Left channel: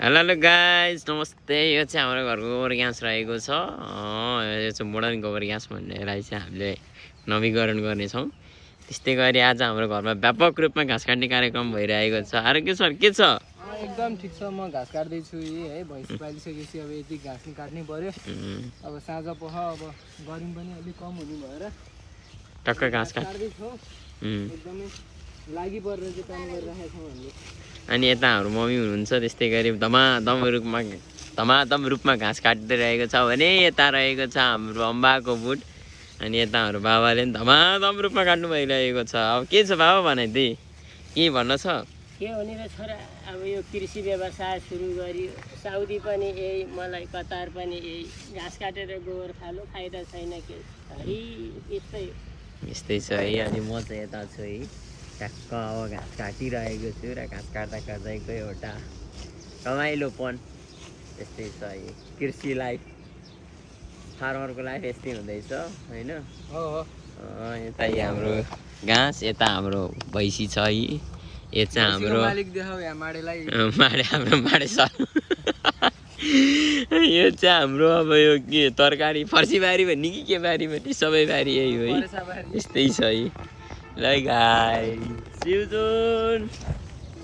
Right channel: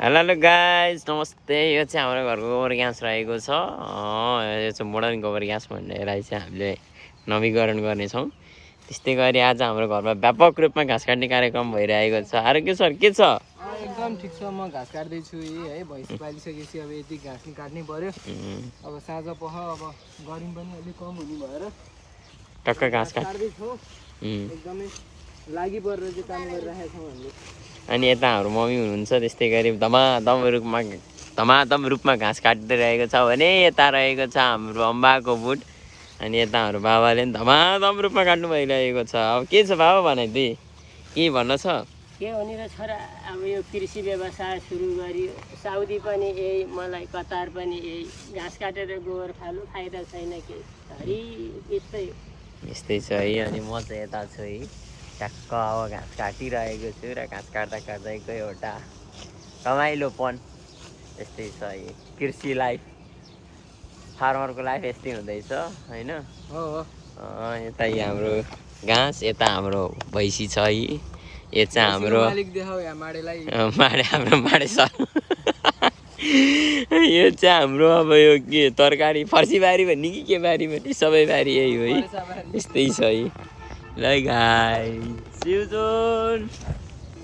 Hello guys नमस्ते। यो चाहिँ हाम्रो घरको गोबर ग्यास रहेको छ। यो चाहिँ मोडर्न गोबर ग्यास भन्नेलाई चाहिँ हामीले नवीकरण गर्नेछौँ। त्यस्तै गरी आज हाम्रो घरमा व्यापक रूपमा घाँस काट्ने कार्यक्रम भइरहेको छ। अरे के सर के छ? एकदम ठिक छ। म घाँस काट्दैछु है। भैँसी पालिसकेपछि अब यति घाँस नि काट्नै पर्यो। अब साँझ पख अब गरिम पनि अलिक कम हुने भएर टक्क घाँस काट्दैछौँ। एकदमै लागि परेर चाहिँ काम गरिरहेका छौँ हामीले। अनि यता हाम्रो मम्मी हुनुहुन्छ। त्यस्तै गरी धमाधम रूपमा घाँस काट्दै रहेको छ भने यता रहेको छ हाम्रो अम्बाको बुट। अनि यता हाम्रो बाबाले पनि धमाधम रूपमा काट्नु भइरहेको छ। अब के छ बाबा भनाइदिए के भन्न छ? के हुने र छोरा, अब यो कृषि व्यवसाय सुरु गरियो। साउदी पनि यही, मलाई कतार पनि यही। घाँस काटेर गोबर खानु फाइदा छैन के हरि यस्तै छ है। अनि म चाहिँ यता छु है, ठ्याक्क अब घाँस काटिरहेको छु र घाँस काट्दैको एउटा रमाइलोपन यस्तै छ है। कृषि लाइफ, फार्मरको लाइफ यस्तै हुँदैछ होइन। यता हाम्रो घाँस, यता हाम्रो भैँसी छ है। यो चाहिँ हाम्रो माडे छ। यो चाहिँ हाम्रो अब यो के तरकारी फर्सी बारी भन्ने कि के बारी भन्ने सबै बारी यही हो है। यस्तै छ है। ल गाइस, see you soon।